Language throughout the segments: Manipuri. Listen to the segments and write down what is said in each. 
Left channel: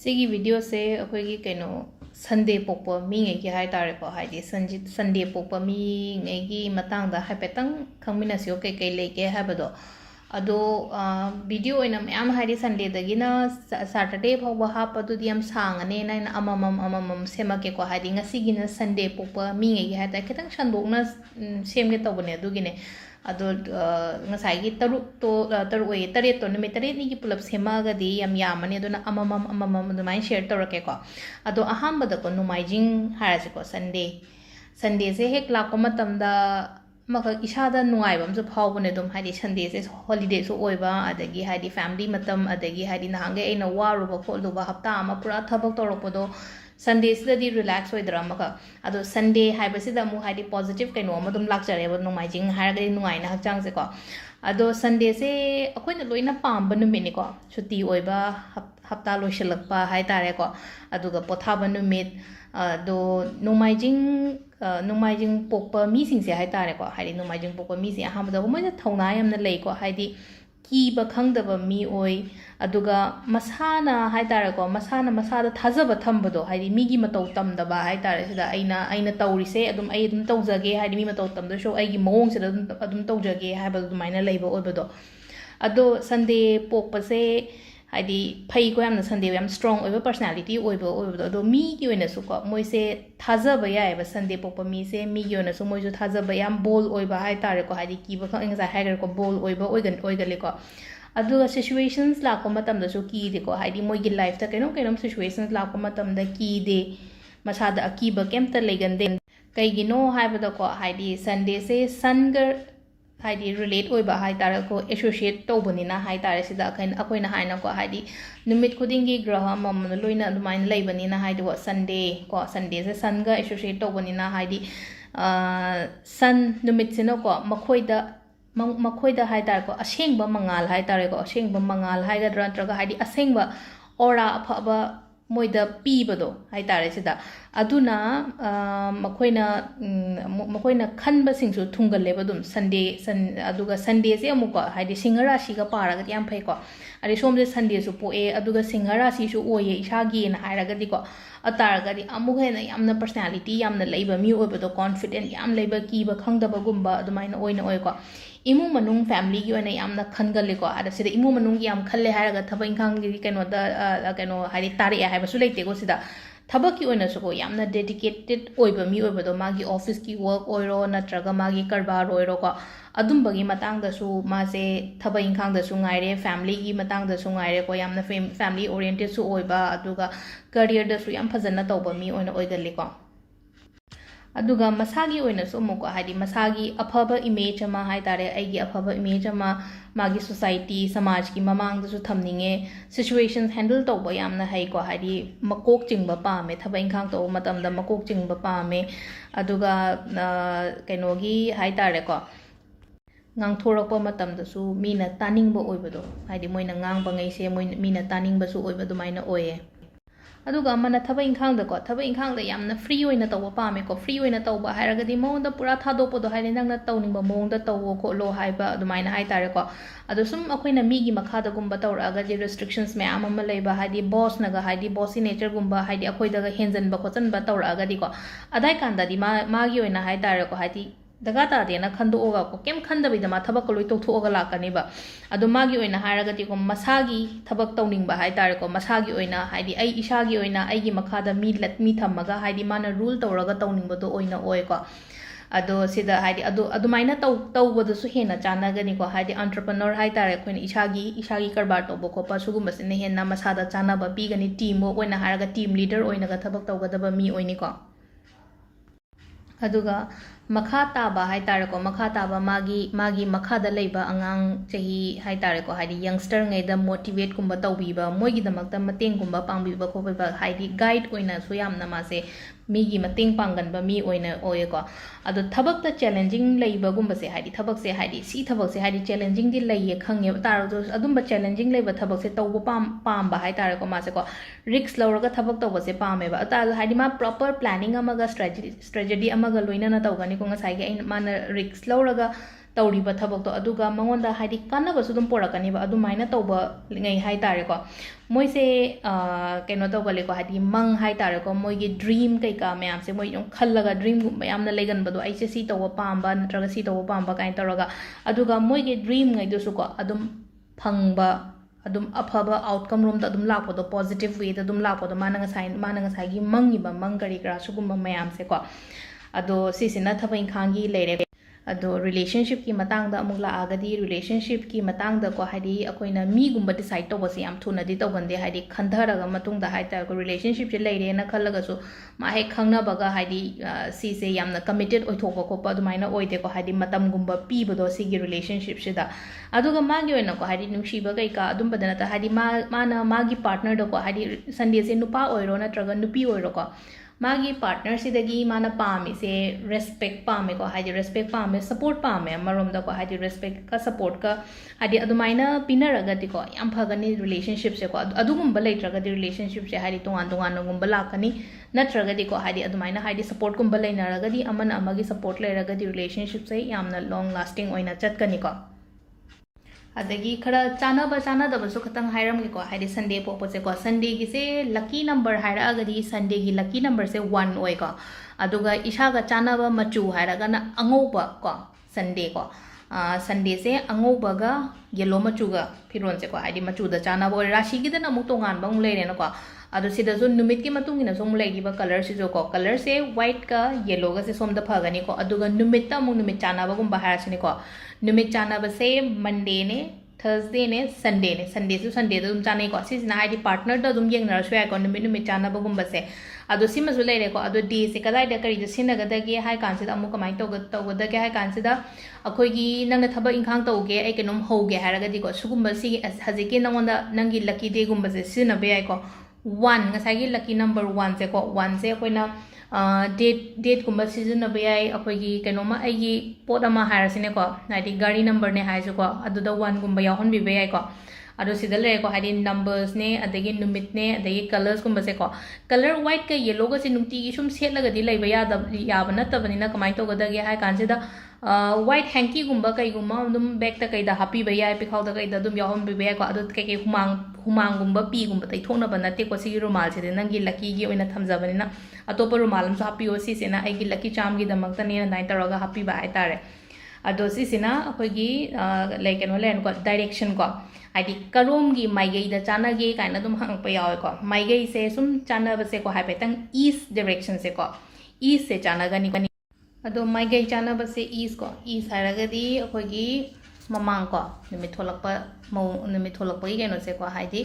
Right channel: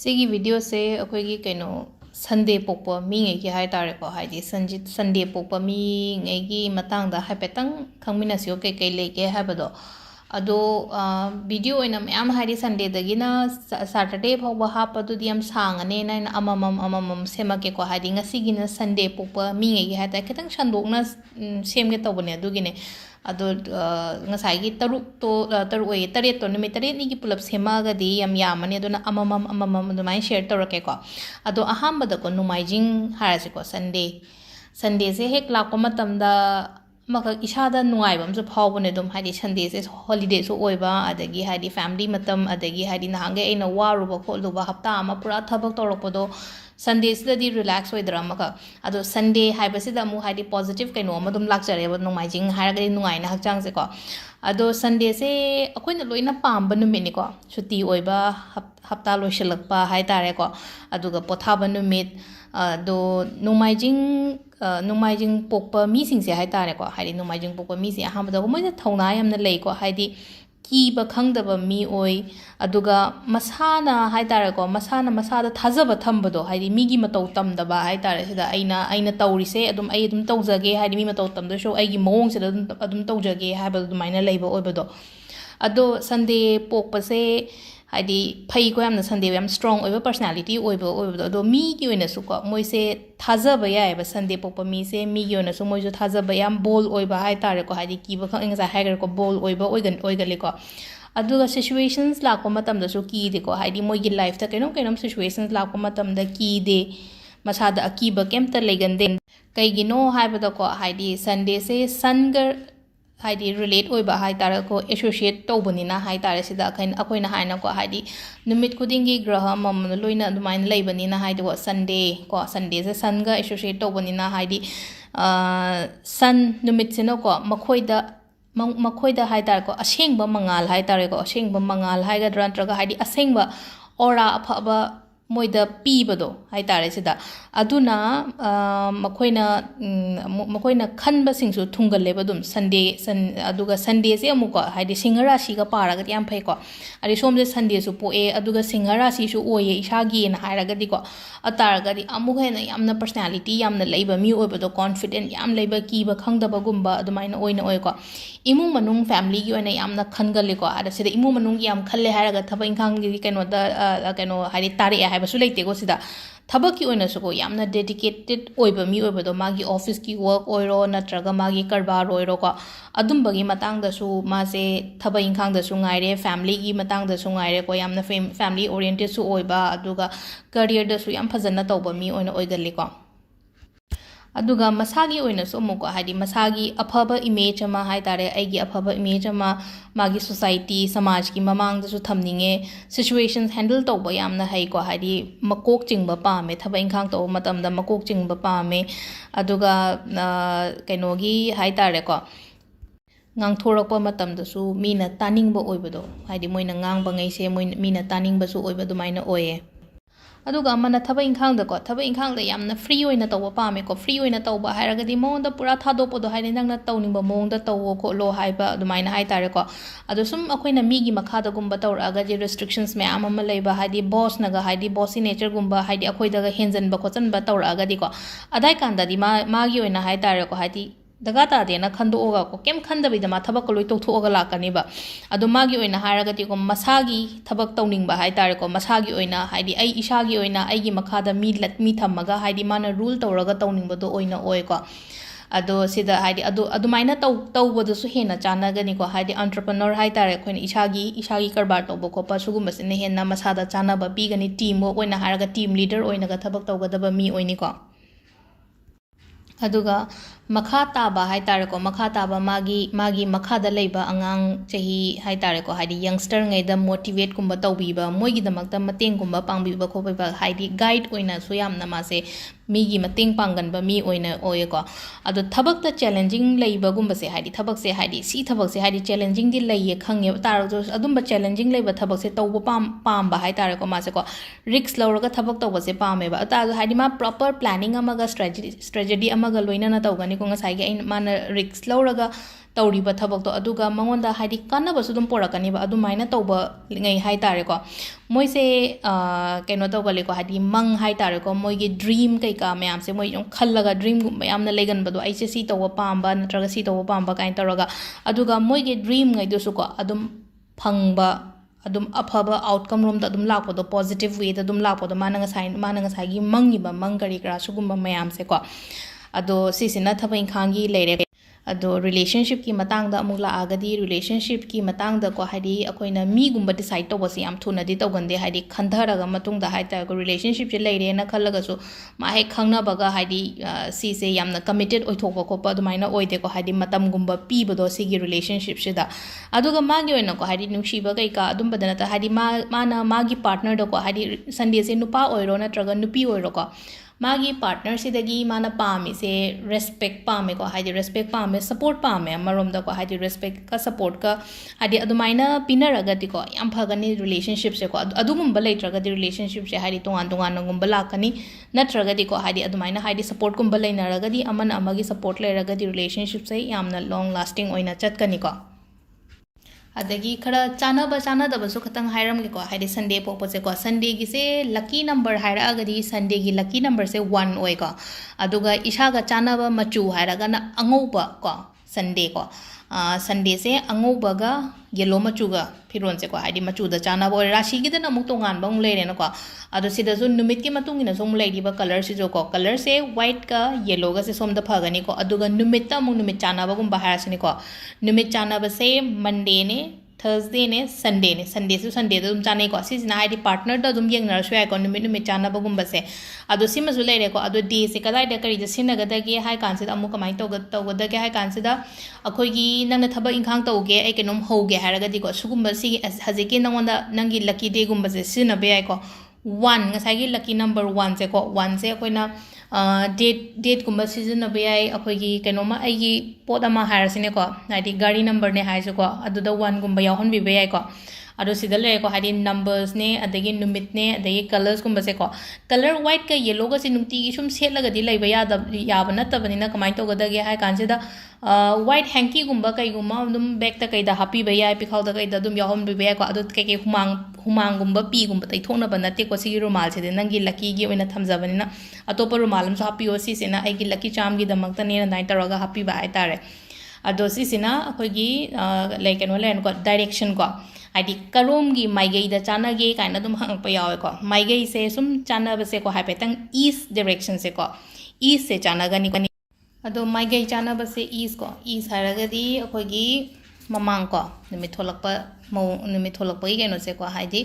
ꯁꯤꯒꯤ ꯚꯤꯗꯤꯑꯣꯁꯦ ꯑꯩꯈꯣꯏꯒꯤ ꯁꯟꯗꯦ ꯄꯣꯛꯄ ꯃꯤꯉꯩꯒꯤ ꯍꯥꯏꯇꯥꯔꯦꯀꯣ ꯍꯥꯏꯗꯤ ꯁꯟꯗꯦ ꯄꯣꯛꯄ ꯃꯤꯉꯩꯒꯤ ꯃꯇꯥꯡꯗ ꯍꯥꯏꯐꯦꯠꯇꯪ ꯈꯪꯃꯤꯟꯅꯁꯤꯌꯣ ꯀꯩꯀꯩ ꯂꯩꯒꯦ ꯍꯥꯏꯕꯗꯣ ꯑꯗꯣ ꯚꯤꯗꯤꯑꯣ ꯑꯣꯏꯅ ꯃꯌꯥꯝ ꯍꯥꯏꯗꯤ ꯁꯟꯗꯦꯗꯒꯤꯅ ꯁꯥꯇꯔꯗꯦ ꯐꯥꯎꯕ ꯍꯥꯞꯄꯗꯨꯗꯤ ꯌꯥꯝ ꯁꯥꯡꯉꯅꯦꯅ ꯑꯩꯅ ꯑꯃꯃꯝ ꯁꯦꯝꯃꯛꯀꯦꯀꯣ ꯍꯥꯏꯗꯤ ꯉꯁꯤꯒꯤꯅ ꯁꯟꯗꯦ ꯄꯣꯛꯄ ꯃꯤꯉꯩꯒꯤ ꯍꯥꯏꯇꯥꯔꯦ ꯈꯤꯇꯪ ꯁꯟꯗꯣꯛꯅ ꯁꯦꯝꯒꯦ ꯇꯧꯕꯅꯦ ꯑꯗꯨꯒꯤꯅꯦ ꯑꯗꯣ ꯉꯁꯥꯏꯒꯤ ꯇꯔꯨꯛ ꯑꯣꯏꯌꯦ ꯇꯔꯦꯠꯇꯣ ꯅꯨꯃꯤꯠ ꯇꯔꯦꯠꯅꯤꯒꯤ ꯄꯨꯂꯞ ꯁꯦꯝꯃꯛꯑꯒꯗꯤ ꯌꯥꯝ ꯌꯥꯝꯃꯅꯤ ꯑꯗꯨꯅ ꯑꯃꯃꯝ ꯑꯗꯨꯃꯥꯏꯅ ꯁꯦꯌꯔ ꯇꯧꯔꯛꯀꯦꯀꯣ ꯑꯗꯣ ꯑꯍꯥꯟꯕꯗꯀꯣ ꯅꯣꯡꯃꯥꯏꯖꯤꯡ ꯍꯥꯏꯔꯁꯤꯀꯣ ꯁꯟꯗꯦꯁꯦ ꯍꯦꯛ ꯂꯥꯛꯄ ꯃꯇꯝꯗ ꯑꯃꯈꯛ ꯏꯁꯥꯗ ꯅꯨꯡꯉꯥꯏꯕ ꯑꯃꯁꯨ ꯐꯥꯎꯕꯅꯦ ꯑꯗꯨꯝ ꯍꯥꯏꯗꯤ ꯁꯟꯗꯦꯁꯦ ꯍꯣꯂꯤꯗꯦꯁꯨ ꯑꯣꯏꯕ ꯑꯗꯒꯤ ꯍꯥꯏꯗꯤ ꯐꯦꯃꯤꯂꯤ ꯃꯇꯝ ꯑꯗꯒꯤ ꯍꯥꯏꯗꯤ ꯅꯍꯥꯟꯒꯩ ꯑꯩꯅ ꯋꯥꯔꯨꯕ ꯈꯣꯠꯂꯨꯕ ꯍꯞꯇꯥ ꯑꯃ ꯄꯨꯔꯥ ꯊꯕꯛ ꯇꯧꯔꯛꯄꯗꯣ ꯁꯟꯗꯦꯁꯤꯗꯗꯤ ꯔꯤꯂꯦꯛꯁ ꯑꯣꯏꯗ꯭ꯔꯥ ꯑꯃꯈꯛ ꯑꯗꯣ ꯁꯟꯗꯦ ꯍꯥꯏꯕꯁꯤꯗ ꯑꯃꯨꯛ ꯍꯥꯏꯗꯤ ꯄꯣꯖꯤꯇꯤቭ ꯀꯩꯅꯣ ꯑꯃ ꯑꯗꯨꯝ ꯂꯥꯛꯆꯔꯦꯕ ꯅꯣꯡꯃꯥꯏꯖꯤꯡ ꯍꯥꯏꯔꯒꯗꯤ ꯅꯨꯡꯉꯥꯏꯅ ꯍꯛꯆꯥꯡꯁꯦꯀꯣ ꯑꯗꯣ ꯁꯟꯗꯦꯁꯦ ꯑꯩꯈꯣꯏꯅ ꯂꯣꯏꯅ ꯄꯥꯝꯕ ꯅꯨꯃꯤꯠꯅꯤꯀꯣ ꯁꯨꯇꯤ ꯑꯣꯏꯕ ꯍꯞꯇꯥ ꯂꯣꯏꯁꯤꯜꯂꯛꯄ ꯍꯥꯏꯇꯥꯔꯦꯀꯣ ꯑꯗꯨꯒ ꯄꯣꯊꯥꯕ ꯅꯨꯃꯤꯠ ꯑꯗꯣ ꯅꯣꯡꯃꯥꯏꯖꯤꯡ ꯄꯣꯛꯄ ꯃꯤꯁꯤꯡꯁꯦ ꯍꯥꯏꯇꯥꯔꯦꯀꯣ ꯍꯥꯏꯗꯤ ꯅꯣꯡꯃꯥꯏꯖꯤꯡ ꯄꯣꯛꯄ ꯃꯤꯁꯦ ꯑꯍꯥꯟꯕꯗ ꯃꯣꯏꯁꯦ ꯊꯧꯅꯥ ꯌꯥꯝꯅ ꯂꯩꯀꯣ ꯍꯥꯏꯗꯤ ꯀꯤꯕ ꯈꯪꯗꯕ ꯃꯤ ꯑꯣꯏ ꯑꯗꯨꯒ ꯃꯁꯥꯅ ꯍꯥꯏꯇꯥꯔꯦꯀꯣ ꯃꯁꯥꯗ ꯊꯥꯖꯕ ꯊꯝꯕꯗꯣ ꯍꯥꯏꯗꯤ ꯃꯤꯒꯤ ꯃꯇꯧꯇꯝꯗꯕ ꯍꯥꯏꯇꯥꯔꯦ ꯁꯤꯗ ꯑꯩꯅ ꯇꯧꯔꯤꯁꯦ ꯑꯩ ꯑꯗꯨꯝ ꯇꯧꯖꯒꯦ ꯍꯥꯏꯗꯤ ꯃꯤ ꯃꯇꯧ ꯇꯝꯗꯣꯏꯁꯨ ꯑꯩꯒꯤ ꯃꯑꯣꯡꯁꯤꯗ ꯑꯗꯨꯝ ꯇꯧꯖꯒꯦ ꯍꯥꯏꯕ ꯑꯗꯨꯃꯥꯏꯅ ꯂꯩꯕ ꯑꯣꯏꯕꯗꯣ ꯑꯗꯣ ꯁꯟꯗꯦ ꯄꯣꯛꯄꯁꯦ ꯍꯥꯏꯗꯤ ꯐꯩꯀꯣ ꯌꯥꯝꯅ ꯁꯟꯗꯦ ꯌꯥꯝ ꯁ꯭ꯇ꯭ꯔꯣꯡ ꯑꯣꯏꯕ ꯄꯔꯁꯅꯦꯂꯤꯇꯤ ꯑꯣꯏꯕꯗꯣ ꯑꯗꯣ ꯃꯤꯒꯤ ꯑꯣꯏꯅꯁꯨꯀꯣ ꯃꯣꯏꯁꯦ ꯊꯥꯖꯕ ꯌꯥꯏꯑꯕ ꯁꯟꯗे ꯄꯣꯛꯄ ꯃꯤꯁꯦ ꯃꯤꯒꯤ ꯑꯣꯏꯅꯁꯨ ꯃꯣꯏꯁꯨ ꯊꯥꯖꯕ ꯌꯥꯝ ꯕꯣꯜ ꯑꯣꯏꯕ ꯍꯥꯏꯇꯥꯔꯦꯀꯣ ꯍꯥꯏꯗꯤ ꯀꯤꯕ ꯈꯛ ꯉꯁꯥꯏ ꯍꯥꯏꯈ꯭ꯔꯦꯀꯣ ꯕꯣꯜ ꯑꯣꯏꯕ ꯑꯣꯏꯒꯜꯂꯤꯀꯣ ꯑꯗꯨꯒ ꯁꯤꯆꯨꯋꯦꯁꯟꯁ ꯂꯥꯛꯄ ꯃꯇꯝꯗꯁꯨ ꯀꯤꯗꯦꯀꯣ ꯍꯥꯏꯗꯤ ꯃꯣꯏꯒꯤ ꯂꯥꯏꯐꯇ ꯀꯩꯅꯣꯝ ꯁꯤꯆꯨꯋꯦꯁꯟꯁ ꯂꯥꯛꯄ ꯃꯇꯝꯗ ꯀꯤꯗꯦ ꯃꯁꯥꯗ ꯑꯀꯤꯕ ꯀꯩꯝꯇ ꯂꯩꯒꯟꯗꯦ ꯀꯩꯒꯤꯅꯣ ꯍꯥꯏꯕꯗꯀꯣ ꯍꯥꯏꯗꯤ ꯁꯟꯗꯦꯁꯦ ꯁꯟꯒ ꯍꯥꯏꯗꯤ ꯔꯤꯂꯦꯠ ꯑꯣꯏꯕ ꯍꯥꯏꯇꯥꯔꯦꯀꯣ ꯑꯦꯁꯣꯁꯤꯌꯦꯠ ꯇꯧꯕꯅꯤꯅ ꯍꯥꯏꯇꯥꯔꯦ ꯁꯤꯗ ꯑꯩꯈꯣꯏꯅ ꯍꯥꯏꯅꯀꯣ ꯍꯥꯏꯗꯤ ꯅꯨꯃꯤꯠ ꯈꯨꯗꯤꯡꯒꯤ ꯒ꯭ꯔꯍ ꯑꯃꯃꯝꯗ ꯂꯣꯏꯅ ꯑꯗꯨꯃꯥꯏꯅ ꯂꯩꯕꯅꯤ나 ꯍꯥꯏꯗꯤꯀꯣ ꯁꯟꯗꯦꯁꯦ ꯁꯟꯒ ꯑꯦꯁꯣꯁꯤꯌꯦꯠ ꯇꯧꯕꯅꯤꯅ ꯍꯥꯏꯗꯤ ꯁꯟ ꯅꯨꯃꯤꯠꯁꯤꯅꯀꯣ ꯃꯈꯣꯏꯗ ꯍꯥꯏꯇꯥꯔꯦꯀꯣ ꯑꯁꯦꯡꯕ ꯃꯉꯥꯜ ꯍꯥꯏꯇꯥꯔꯦꯀꯣ ꯑꯁꯦꯡꯕ ꯃꯉꯥꯜ ꯍꯥꯏꯒꯗ꯭ꯔꯥ ꯅꯠꯇ꯭ꯔꯒ ꯍꯥꯏꯗꯤ ꯑꯁꯦꯡꯕ ꯑꯣꯔꯥ ꯑꯐꯕ ꯃꯣꯏꯗ ꯄꯤꯕꯗꯣ ꯍꯥꯏꯇꯥꯔꯦ ꯁꯤꯗ ꯑꯗꯨꯅ ꯃꯈꯣꯏꯅ ꯈꯟꯕꯁꯤꯡꯁꯨ ꯊꯨꯡꯒꯜꯂꯦꯕ ꯑꯗꯨꯝ ꯑꯗꯨꯒ ꯁꯟꯗꯦꯁꯦ ꯑꯃꯨꯛꯀꯣ ꯍꯥꯏꯗꯤ ꯁꯤꯡꯍ ꯔꯥశꯤꯒ ꯄꯥꯔꯒꯗꯤ ꯌꯥꯝ ꯐꯩꯀꯣ ꯑꯗꯩ ꯁꯣꯝꯁꯦ ꯁꯟꯗꯦꯁꯨ ꯄꯣꯛꯑꯦ ꯑꯗꯨꯒ ꯁꯤꯡꯍ ꯔꯥశꯤꯁꯨ ꯑꯣꯏꯌꯦ ꯏꯁꯥꯒꯤꯅ ꯍꯥꯏꯔꯒꯗꯤꯀꯣ ꯑꯇꯥꯔꯒꯗꯤ ꯑꯃꯨꯛ ꯍꯦꯟꯅ ꯌꯥꯝꯅ ꯄꯔꯁꯅꯦꯂꯤꯇꯤ ꯌꯥꯝꯅ ꯂꯩꯕ ꯃꯤ ꯑꯣꯏꯕꯗꯣ ꯀꯣꯟꯐꯤꯗꯦꯟ ꯌꯥꯝ ꯂꯩꯕ ꯀꯤꯕ ꯈꯪꯗꯕꯒꯨꯝꯕ ꯑꯗꯨꯃꯥꯏꯅ ꯑꯣꯏꯀꯣ ꯏꯃꯨꯡ ꯃꯅꯨꯡ ꯐꯦꯃꯤꯂꯤꯒꯤ ꯑꯣꯏꯅ ꯌꯥꯝꯅ ꯈꯟꯒꯜꯂꯤꯀꯣ ꯑꯗ ꯁꯤꯗ ꯏꯃꯨꯡ ꯃꯅꯨꯡꯒꯤ ꯌꯥꯝ ꯈꯜꯂꯦ ꯍꯥꯏꯔꯒ ꯊꯕꯛ ꯏꯪꯈꯥꯡꯒꯤ ꯍꯥꯏꯗꯤ ꯇꯥꯔꯛꯑꯦ ꯍꯥꯏꯕꯁꯨ ꯂꯩꯇꯦꯀꯣ ꯁꯤꯗ ꯊꯕꯛꯀꯤ ꯑꯣꯏꯅꯁꯨꯀꯣ ꯌꯥꯝꯅ ꯗꯦꯗꯤꯀꯦꯇꯦꯠ ꯑꯣꯏꯕ ꯃꯤ ꯑꯣꯏꯕꯗோ ꯃꯥꯒꯤ ꯑꯣꯐꯤꯁꯀꯤ ꯋꯔꯛ ꯑꯣꯏꯔో ꯅꯠꯇ꯭ꯔꯒ ꯃꯥꯒꯤ ꯀꯔꯕꯥꯔ ꯑꯣꯏꯔꯣꯀꯣ ꯑꯗꯨꯝꯕꯒꯤ ꯃꯇꯥꯡꯗꯁꯨ ꯃꯥꯁꯦ ꯊꯕꯛ ꯏꯪꯈꯥꯡꯗꯁꯨ ꯉꯥꯏꯔꯦ ꯐꯦꯃꯤꯂꯤꯒꯤ ꯃꯇꯥꯡꯗꯁꯨ ꯉꯥꯏꯔꯦꯀꯣ ꯌꯥꯝꯅ ꯐꯦꯃꯤꯂꯤ ꯑꯣꯔꯤꯌꯦꯟꯇꯦꯠꯁꯨ ꯑꯣꯏꯕ ꯑꯗꯨꯒ ꯀꯔꯤꯌꯔꯗꯁꯨ ꯌꯥꯝ ꯐꯖꯅ ꯇꯧꯕ ꯃꯤ ꯑꯣꯏꯒꯜꯂꯤꯀꯣ ꯑꯗꯨꯒ ꯃꯁꯥꯒꯤ ꯑꯣꯏꯅꯁꯨ ꯑꯃꯨꯛꯀꯣ ꯍꯥꯏꯗꯤ ꯃꯁꯥꯒꯤ ꯑꯐꯕ ꯏꯃꯦꯖ ꯑꯃ ꯍꯥꯏꯇꯥꯔꯦ ꯑꯩꯒꯤ ꯑꯐꯕ ꯏꯃꯦꯖ ꯑꯃ ꯃꯥꯒꯤ ꯁꯣꯁꯥꯏꯇꯤ ꯁꯃꯥꯖꯀꯤ ꯃꯃꯥꯡꯗꯁꯨ ꯊꯝꯅꯤꯡꯉꯦ ꯁꯤꯆꯨꯋꯦꯁꯟ ꯍꯦꯟꯗꯜ ꯇꯧꯕ ꯌꯥꯝꯅ ꯍꯩꯀꯣ ꯍꯥꯏꯗꯤ ꯃꯀꯣꯛ ꯆꯤꯡꯕ ꯄꯥꯝꯃꯦ ꯊꯕꯛ ꯏꯪꯈꯥꯡ ꯇꯧꯕ ꯃꯇꯝꯗ ꯃꯀꯣꯛ ꯆꯤꯡꯕ ꯄꯥꯝꯃꯦ ꯑꯗꯨꯒ ꯍꯥꯏꯇꯥꯔꯦꯀꯣ ꯉꯥꯡꯊꯣꯔꯛꯄ ꯃꯇꯝꯗꯁꯨ ꯃꯤꯅ ꯇꯥꯅꯤꯡꯕ ꯑꯣꯏꯕꯗꯣ ꯍꯥꯏꯗꯤ ꯃꯣꯏꯅ ꯉꯥꯡꯕꯉꯩꯁꯦ ꯃꯤꯅ ꯇꯥꯅꯤꯡꯕꯁꯨ ꯑꯣꯏꯕ ꯑꯗꯨꯃꯥꯏꯅ ꯑꯣꯏꯌꯦ ꯑꯗꯨꯒ ꯑꯃꯅ ꯊꯕꯛ ꯏꯪꯈꯥꯡꯗ ꯌꯥꯝꯅ ꯐ꯭ꯔꯤ ꯑꯣꯏꯅ ꯇꯧꯕ ꯄꯥꯝꯃꯦꯀꯣ ꯐ꯭ꯔꯤ ꯑꯣꯏꯅ ꯇꯧꯕ ꯍꯥꯏꯔꯒꯗꯤ ꯃꯉꯣꯟꯗ ꯄꯨꯔꯥ ꯊꯥꯗꯣꯛꯄꯗꯣ ꯍꯥꯏꯗꯤ ꯅꯪꯅ ꯇꯧꯅꯤꯡꯕ ꯃꯑꯣꯡꯗ ꯇꯧꯋꯣ ꯈꯣꯠꯂꯣ ꯍꯥꯏꯕ ꯑꯗꯨꯃꯥꯏꯅ ꯍꯥꯏꯇꯥꯔꯦꯀꯣ ꯑꯗꯣ ꯁꯨꯝ ꯑꯩꯈꯣꯏꯅ ꯃꯤꯒꯤ ꯃꯈꯥꯗꯒꯨꯝꯕ ꯇꯧꯔꯛꯑꯒꯗꯤ ꯔꯦꯁꯇ꯭ꯔꯤꯛꯁꯟꯁ ꯃꯌꯥꯝ ꯑꯃ ꯂꯩꯕ ꯍꯥꯏꯗꯤ ꯕꯣꯁꯤ ꯅꯦꯆꯔꯒꯨꯝꯕ ꯍꯥꯏꯗꯤ ꯑꯩꯈꯣꯏꯗꯒ ꯍꯦꯟꯖꯟꯕ ꯈꯣꯠꯆꯟꯕ ꯇꯧꯔꯛꯑꯒꯗꯤꯀꯣ ꯑꯗꯥꯏ ꯀꯥꯟꯗꯗꯤ ꯃꯥꯒꯤ ꯑꯣꯏꯅ ꯍꯥꯏꯇꯥꯔꯦꯀꯣ ꯍꯥꯏꯗꯤ ꯗꯔꯀꯥꯔ ꯇꯥꯗꯦꯅ ꯈꯟꯗꯣꯛꯑꯒꯀꯣ ꯀꯩꯝ ꯈꯟꯗꯕꯤꯗ ꯃꯥ ꯊꯕꯛꯀ ꯂꯣꯏ ꯇꯧꯊꯣꯛꯑꯒ ꯂꯥꯛꯀꯅꯤꯕ ꯑꯗꯣ ꯃꯥꯒꯤ ꯑꯣꯏꯅ ꯍꯥꯏꯔꯒꯗꯤꯀꯣ ꯃꯁꯥꯒꯤ ꯊꯕꯛ ꯇꯧꯅꯤꯡꯕ ꯍꯥꯏꯇꯥꯔꯦꯀꯣ ꯃꯁꯥꯒꯤ ꯑꯣꯏꯅ ꯍꯥꯏꯗꯤ ꯑꯩ ꯏꯁꯥꯒꯤ ꯑꯣꯏꯅ ꯑꯩꯒꯤ ꯃꯈꯥꯗ ꯃꯤ ꯊꯝꯃꯒ ꯍꯥꯏꯗꯤ ꯃꯥꯅ ꯔꯨꯜ ꯇꯧꯔꯒ ꯇꯧꯅꯤꯡꯕꯗꯣ ꯑꯣꯏꯅ ꯑꯣꯏꯀꯣ ꯑꯗꯣ ꯁꯤꯗ ꯍꯥꯏꯗꯤ ꯑꯗꯨꯃꯥꯏꯅ ꯇꯧꯕꯗꯁꯨ ꯍꯦꯟꯅ ꯆꯥꯟꯅꯒꯅꯤꯀꯣ ꯍꯥꯏꯗꯤ ꯑꯟꯇꯔꯄ꯭ꯔꯅꯔ ꯍꯥꯏꯇꯥꯔꯦ ꯑꯩꯈꯣꯏꯅ ꯏꯁꯥꯒꯤ ꯀꯔꯕꯥꯔ ꯇꯧꯕ ꯈꯣꯠꯄ ꯁꯤꯒꯨꯝꯕꯁꯤꯅ ꯍꯦꯟꯅ ꯃꯁꯥꯗ ꯆꯥꯟꯅꯕ ꯄꯤꯒꯅꯤ ꯇꯤꯝ ꯋꯔꯛ ꯑꯣꯏꯅ ꯍꯥꯏꯔꯒ ꯇꯤꯝ ꯂꯤꯗꯔ ꯑꯣꯏꯅꯒ ꯊꯕꯛ ꯇꯧꯒꯗꯕ ꯃꯤ ꯑꯣꯏꯅꯤꯀꯣ ꯑꯗꯨꯒ ꯃꯈꯥ ꯇꯥꯕ ꯍꯥꯏꯇꯥꯔꯦꯀꯣ ꯃꯈꯥ ꯇꯥꯕ ꯃꯥꯒꯤ ꯃꯈꯥꯗ ꯂꯩꯕ ꯑꯉꯥꯡ ꯆꯍꯤ ꯍꯥꯏꯇꯥꯔꯦꯀꯣ ꯍꯥꯏꯗꯤ ꯌꯪꯁꯇꯔꯉꯩꯗ ꯃꯣꯇꯤꯚꯦꯠꯀꯨꯝꯕ ꯇꯧꯕꯤꯕ ꯃꯣꯏꯒꯤꯗꯃꯛꯇ ꯃꯇꯦꯡꯒꯨꯝꯕ ꯄꯥꯡꯕꯤꯕ ꯈꯣꯠꯄꯤꯕ ꯍꯥꯏꯗꯤ ꯒꯥꯏꯗ ꯑꯣꯏꯅꯁꯨ ꯌꯥꯝꯅ ꯃꯥꯁꯦ ꯃꯤꯒꯤ ꯃꯇꯦꯡ ꯄꯥꯡꯒꯟꯕ ꯃꯤ ꯑꯣꯏꯅ ꯑꯣꯏꯌꯦꯀꯣ ꯑꯗꯣ ꯊꯕꯛꯇ ꯆꯦꯂꯦꯟꯖꯤꯡ ꯂꯩꯕꯒꯨꯝꯕꯁꯦ ꯍꯥꯏꯗꯤ ꯊꯕꯛꯁꯦ ꯍꯥꯏꯗꯤ ꯁꯤ ꯊꯕꯛꯁꯦ ꯍꯥꯏꯗꯤ ꯆꯦꯂꯦꯟꯖꯤꯡꯗꯤ ꯂꯩꯌꯦ ꯈꯪꯉꯦꯕ ꯇꯥꯔꯒꯁꯨ ꯑꯗꯨꯝꯕ ꯆꯦꯂꯦꯟꯖꯤꯡ ꯂꯩꯕ ꯊꯕꯛꯁꯦ ꯇꯧꯕ ꯄꯥꯝꯕ ꯍꯥꯏꯇꯥꯔꯦꯀꯣ ꯃꯥꯁꯦꯀꯣ ꯔꯤꯛꯁ ꯂꯧꯔꯒ ꯊꯕꯛ ꯇꯧꯕꯁꯦ ꯄꯥꯝꯃꯦꯕ ꯑꯇꯥꯔꯁꯨ ꯍꯥꯏꯗꯤ ꯃꯥ ꯄ꯭ꯔꯣꯄꯔ ꯄ꯭ꯂꯥꯅꯤꯡ ꯑꯃꯒ ꯁ꯭ꯇ꯭ꯔꯦꯇꯦꯖꯤ ꯑꯃꯒ ꯂꯣꯏꯅꯅ ꯇꯧꯒꯅꯤꯀꯣ ꯉꯁꯥꯏꯒꯤ ꯃꯥꯅ ꯔꯤꯛꯁ ꯂꯧꯔꯒ तौरीबा थबक्तो अदुगा मंगोंदा हाइदि कानबसु दुम पोरकनिबा अदुमाइना तौबा ngai hai tare ko moi se keno tawgale ko hadi mang hai tare ko moi gi dream kai ka mayam se moi jong khallaga dream gum mayam na legan badu ai se si tawa pamba natraga si tawa pamba kain taraga aduga moi gi dream ngai du su ko adum phangba adum afaba outcome room da adum lakpo do positive way da adum lakpo do mananga sai gi mangi ba mang kari kra su gum mayam se ko ado si sina thaba ingkhangi leire ado relationship ki matang da amuk la agadi relationship ki matang da ko hadi akoina mi gumba decide to basi am thuna di to gande hadi khandhara ga matung da haita ko relationship je leire na khallaga su ma he khangna baga hadi si se yamna committed oi thokba ko pa dumaina oi de ko hadi matam gumba pi bodo si gi relationship shida aduga ma gi oina ko hadi nungshi ba kai ka adum badana ta hadi ma ma gi partner do ko hadi sunday se nupa oiro na traga nupi oiro ko मागी पार्टनर सिदगी माना पामे से रेस्पेक्ट पामे को हाइदि रेस्पेक्ट पामे सपोर्ट पामे अमरोम द को हाइदि रेस्पेक्ट का सपोर्ट का हाइदि अदुमाइना पिनरगदि को याम फगनी रिलेशनशिप से को अदुगुम्बा लेत्रगदि रिलेशनशिप से हाइदि तोंगान तोंगान गुम्बा लाकनी नत्रगदि को हाइदि अदुमाइना हाइदि सपोर्ट गुम्बा लेनरगदि अमन अमगी सपोर्ट लेरगदि रिलेशनशिप से यामना लॉन्ग लास्टिंग ओइना चटकनी को अदगी खरा चाना दबसु खतंग हायरम के को हाइदि संडे पोपसे को संडे की से लकी नंबर हायरा अगदी संडे की लकी नंबर से 1 ओय को अदुगा इशागा चानाबा मचु हायरागा ना अंगोबा को संडे को संडे से अंगोबगा येलो मचुगा फिरोन से को हाइदि मचु द चानाबा राशि की दना मुक तोंगान बंग लेरे न को अदु सिदसु नुमित की मतुंग इन सोम लेदिबा कलर से जो को कलर से व्हाइट का येलो का से सोम द फगनी को अदुगा नुमित ता मु नुमित चानाबा गुम बाहर से को नुमित चानाबा से मंडे ने थर्सडे ने संडे से संडे तुम चाने को सिजना हाइदि पार्टनर द तुम यंग नरसु को नुमित चानाबा गुम बसे अदु सिमसु लेरे को अदु डे से कदाय द करी द सिनगदगे हाय कान से अमु कमाई तौगदगे हाय कान से द अखोगी नंग थबा इंखांग तौगे ए केनोम होगे हारगदि को सुगुम सी हजिके नंगोंदा नंगी लकी डे गुम बसे सिनबे आइ को 1 ngasagi lucky number 1 se ko 1 se akoina date gumba sizinaba yai akoigi kainoma aigi pot ama hairasine ko haidi gari number ne haisu ko aduda 1 gumba yahonbiba yai ko ado sidal le ko haidi numbers ne adagi numit ne adagi colors gumba se ko color white ka yellow ga sinumti gi sum set laga di laiba yaba natabani na kamai to gadage hai kansida white hanky gumba kai gumma dum bag ta kai da happy ba yai pikhau da kai da dum yahon bi ba ko ado kai kai humang gumba pi gumba tai thona ba natte ko si rumal se de nangi lucky gi oina thamjabani na atopa rumal am so happy o si se na ai gi lucky charm gi damak ta ne na nai taraga happy ba ai tare ado si sina akoi gi like no len ko direction ko हाइदि करोमगी माइगई द चानागे काइना दुम हंगप यावे को माइगई से सुम चाना बसे को हाइपेतंग ईस्ट डायरेक्शन से को ईस्ट से चानागनी कनी अदो माइगई चाना बसे ईस्ट को ईस्ट हारगदी अखोगी ममांग को निमित थोलकपई केनो से को हाइदि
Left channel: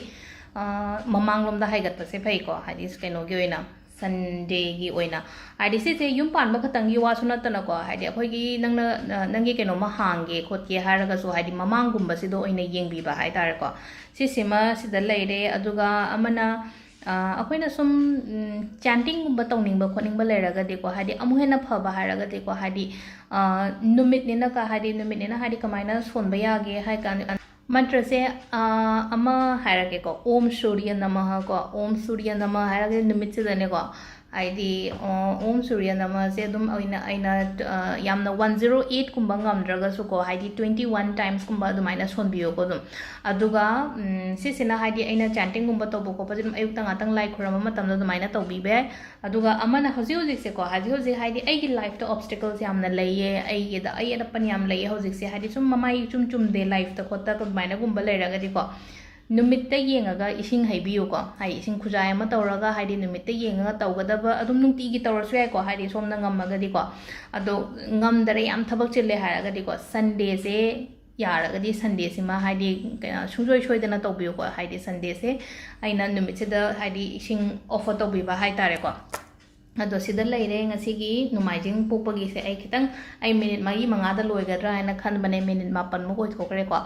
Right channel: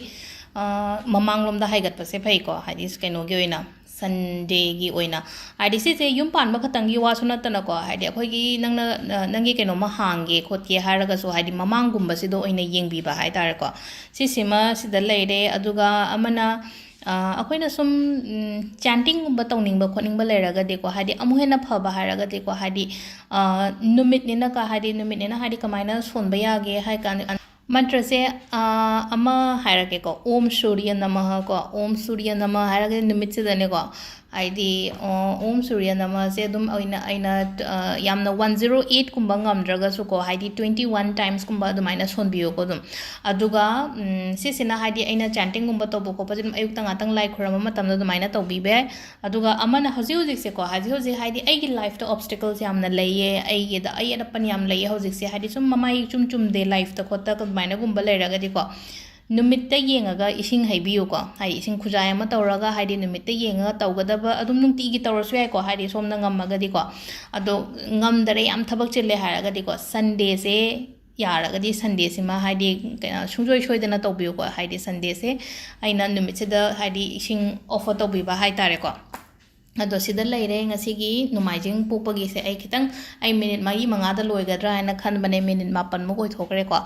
ममांग लोम द हाइगत से फै को हाइदि केनो गे ओइना संडे की ओइना हाइदि से युम पान खतंगी वासु नतन को हाइदि अखोगी नंगी केनो म हांगे खोतके हारगा सो हाइदि ममांग गुम्बा सिदो ओइना येंगबिबा हाइतारे को सिसिमा सिदा लेरे अदुगा अमना अखोइना सुम चैंटिंग गुम्बा तौनिंगबा खोनिंगबा लेरगदि को हाइदि अमुहेना फबा हारगदि को हाइदि नुमित नेना का हाइदि नुमित नेना हाइदि कमाइना सोनबा यागे हाइ कान मंत्र से अमा हायरके को ओम सूर्य नमः को ओम सूर्य नमः हायरके निमित से दने को आइदी ओम सूर्य नमः से दुम अइना यामना 108 कुंबा ngamdraga को हाइदी 21 टाइम्स कुंबा अदुमाइना सोनबियो को दुम अदुगा सिसिना हाइदी अइना चैंटिंग गुंबा तोबो को पजिम अयुक्त ngaतंग लाइक खरम मतम अदुमाइना तोबिबे अदुगा अमना हजि हजि से को हजि हाइदी अइगी लाइफ तो ऑब्स्टिकल्स यामना लइये अइगे द अइना पन याम लइये हजि से हाइदी सुम ममाई चुम दे लाइफ तो खोता तो माइना गुंबा लेरगदि को नुमित्ता येंगागा इसिंग हाइबियो को हाइ इसिंग खुजाय अमा तौरागा हाइदि नुमित्ता येंगागा तौगदबा अदुम नुंतिगी तौरसु याइ को हाइदि सोमना ngamagadi को अदो ngamdare yam thabak chille haragadi को संडे से यारगदी संडे सिमा हाइदि सुंजोय सोइदना तौबियो को हाइदि संडे से आइना नुमित से द हाइदि इसिंग ऑफर तौबिबा हाइ तारे को अदो सिदा लेरे ngasi नुमाइजिंग पोपगी से आई खितंग आई मिनिट मागी मंगादा लोइगद्रा हाइना खनबने मिनिट 9 मुक ओइथोकरे को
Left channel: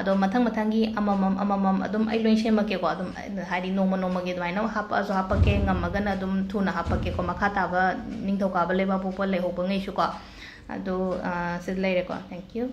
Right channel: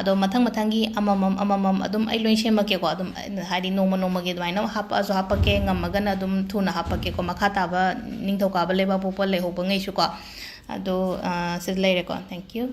अदो मथंगी अममम अदुम आई लोइन सेमके को अदुम हाइदि नोमगे दुमाइना हापअसु हापके ngamagan अदुम थुना हापके को मखा ताबा निंगथौकाबा लेबा पोपल लेहोबंगैसु को अदो सिदा लेरे को थैंक यू